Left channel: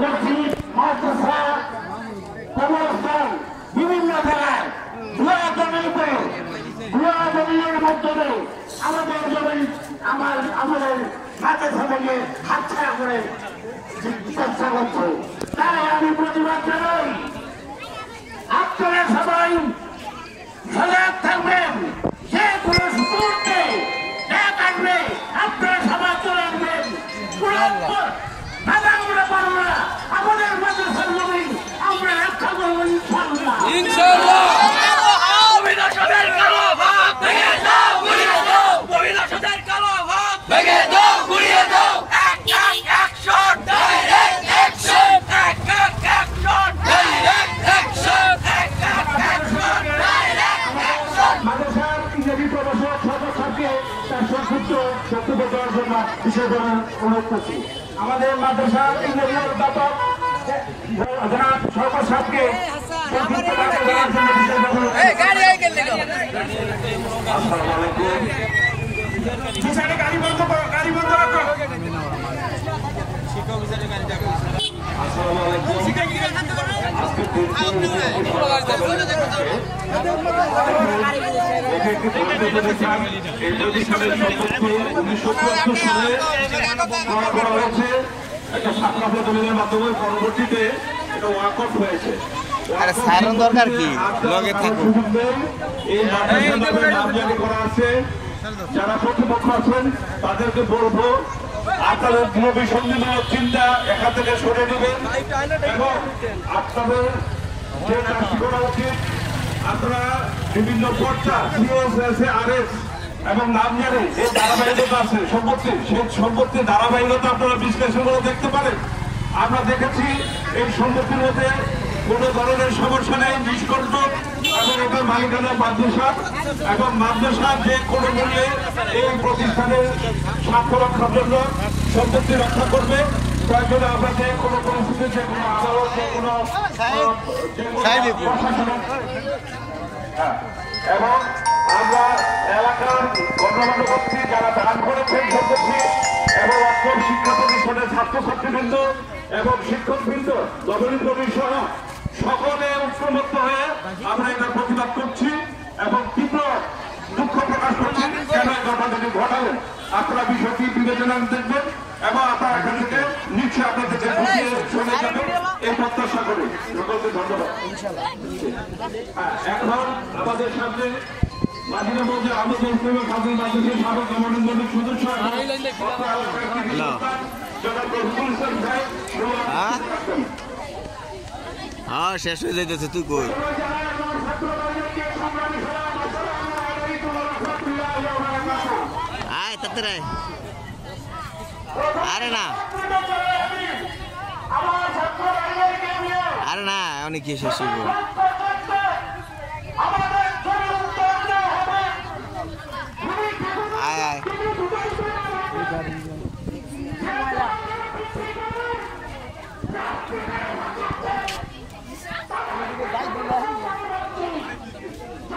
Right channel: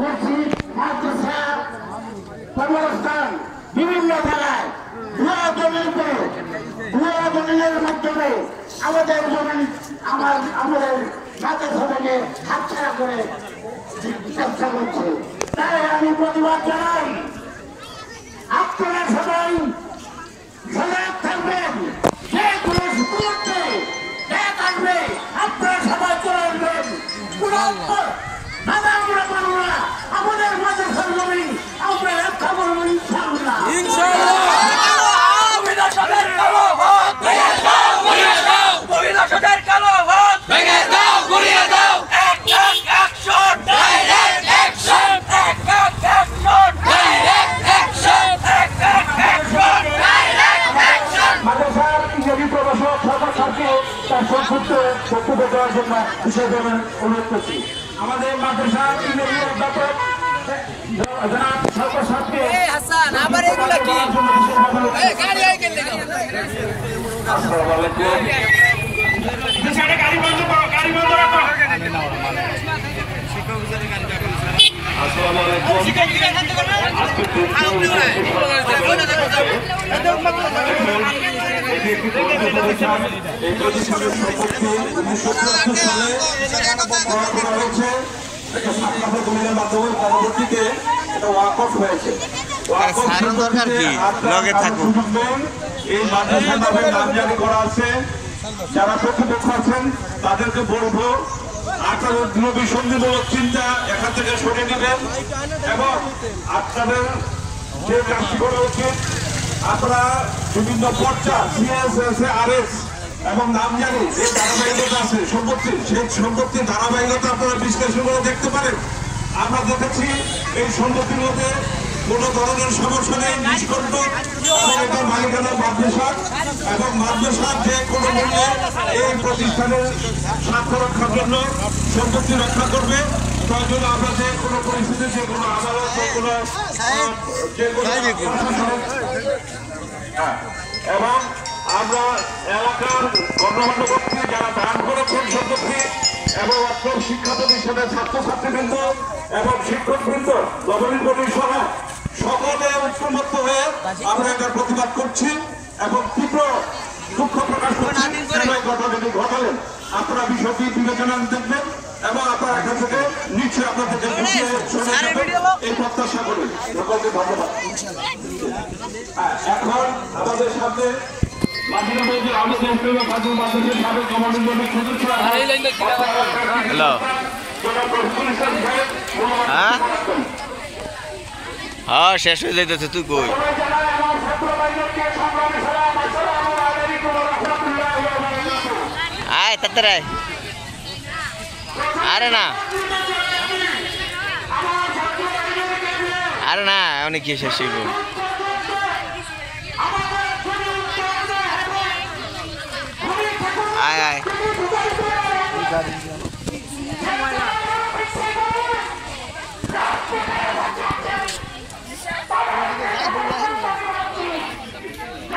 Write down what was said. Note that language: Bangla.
মসজিদ, মাদ্রাসা, কবরস্থান বিভিন্ন জায়গায় ভুয়া দলিলের মাধ্যমে আমাদের জমি আমাদের মাদ্রাসা থেকে হাতছাড়া করে চেষ্টা করছে। তাই আমি প্রতিবাদ জানাই, আপনারা সবাই সজাগ থাকবেন। যে কোনো মুহূর্তে এক আসবে, আপনারা সবাই চলে আসবেন। আমরা পারবো না, আমাদের মাদ্রাসার জমি আমরা রক্ষা করবো ইনশাআল্লাহ। আমাদের মাদ্রাসা অধ্যাপক জনাব সরকার সাহেবকে গাড়ি বন্ধ করো, গাড়ি বন্ধ রাখো। আসসালামু আলাইকুম। এটি একটি ধর্মীয় প্রতিষ্ঠান। এই প্রতিষ্ঠানের সম্পত্তি 1974 সালে ক্রয় করা হয়েছে একটা ছাত্রাবাস দলিলের মাধ্যমে। পরবর্তীতে এটা ওয়াকফ হয়েছে। এই মাদ্রাসার নামে নামজারি করা আছে। যারা প্রতিপক্ষ আছেন তাদেরকে বলবো, আপনাদের গৃহবিসন্ধিমূলক চিন্তা এখান থেকে সরে নেবেন এবং আপনাদের যে কাজটি করা উচিত, আপনারা বিভিন্ন পর্চা CSS এবং নামজারি যে ধারাবাহিকতা আছে সম্পত্তির, সেই সম্পত্তির ধারাবাহিকতা আপনারা বিশ্লেষণ করে দেখতে পারেন। আমরা দেখেছি এই সম্পত্তির মধ্যে কোনো ধরনের সমস্যা নেই, নিষ্কণ্টক এবং এদের মালিকানা মাদ্রাসা এবং মাদ্রাসার যে কোনো মূল্যে এই প্রতিষ্ঠানের স্বার্থ রক্ষার জন্য সম্পত্তি রক্ষা করবে। প্রয়োজনে আমরা যে কোনো পরিস্থিতি, যে কোনো আদালত, এবং আমরা এলাকার গণ্যমান্য ব্যক্তি যারা দান করেছেন সম্পত্তি এবং অক্ষর শিক্ষা প্রতিষ্ঠানের ছাত্রছাত্রীবৃন্দ এবং শিক্ষকবৃন্দ, গভর্নিং বডি সহ সকলে ঐক্যমত্য হয়ে আমরা এটার প্রতিবাদ করছি এবং তীব্র দুঃখ প্রকাশ করছি কেন এই ঘটনাটি ঘটালেন। আপনারা বিষয়টি বিবেচনা দেখবেন এবং আপনারা এখান থেকে নিশ্চয়ই আপনাদেরকে বুঝিয়ে শুনে যাবেন এই প্রত্যাশা করি। সকলকে ধন্যবাদ। এখন আমাদের সামনে মাঝিরা বলছে আমি দেশপ্রেমী খাতুন মাদ্রাসার সাবেক গভর্নিং বডির সদস্য। হ্যালো, হ্যাঁ শেষ হয়ে যাইতেছে, তুই কই? আয় তাড়াতাড়ি, আরে না আরে না অনেক কি শেষ হইব। আয় আয়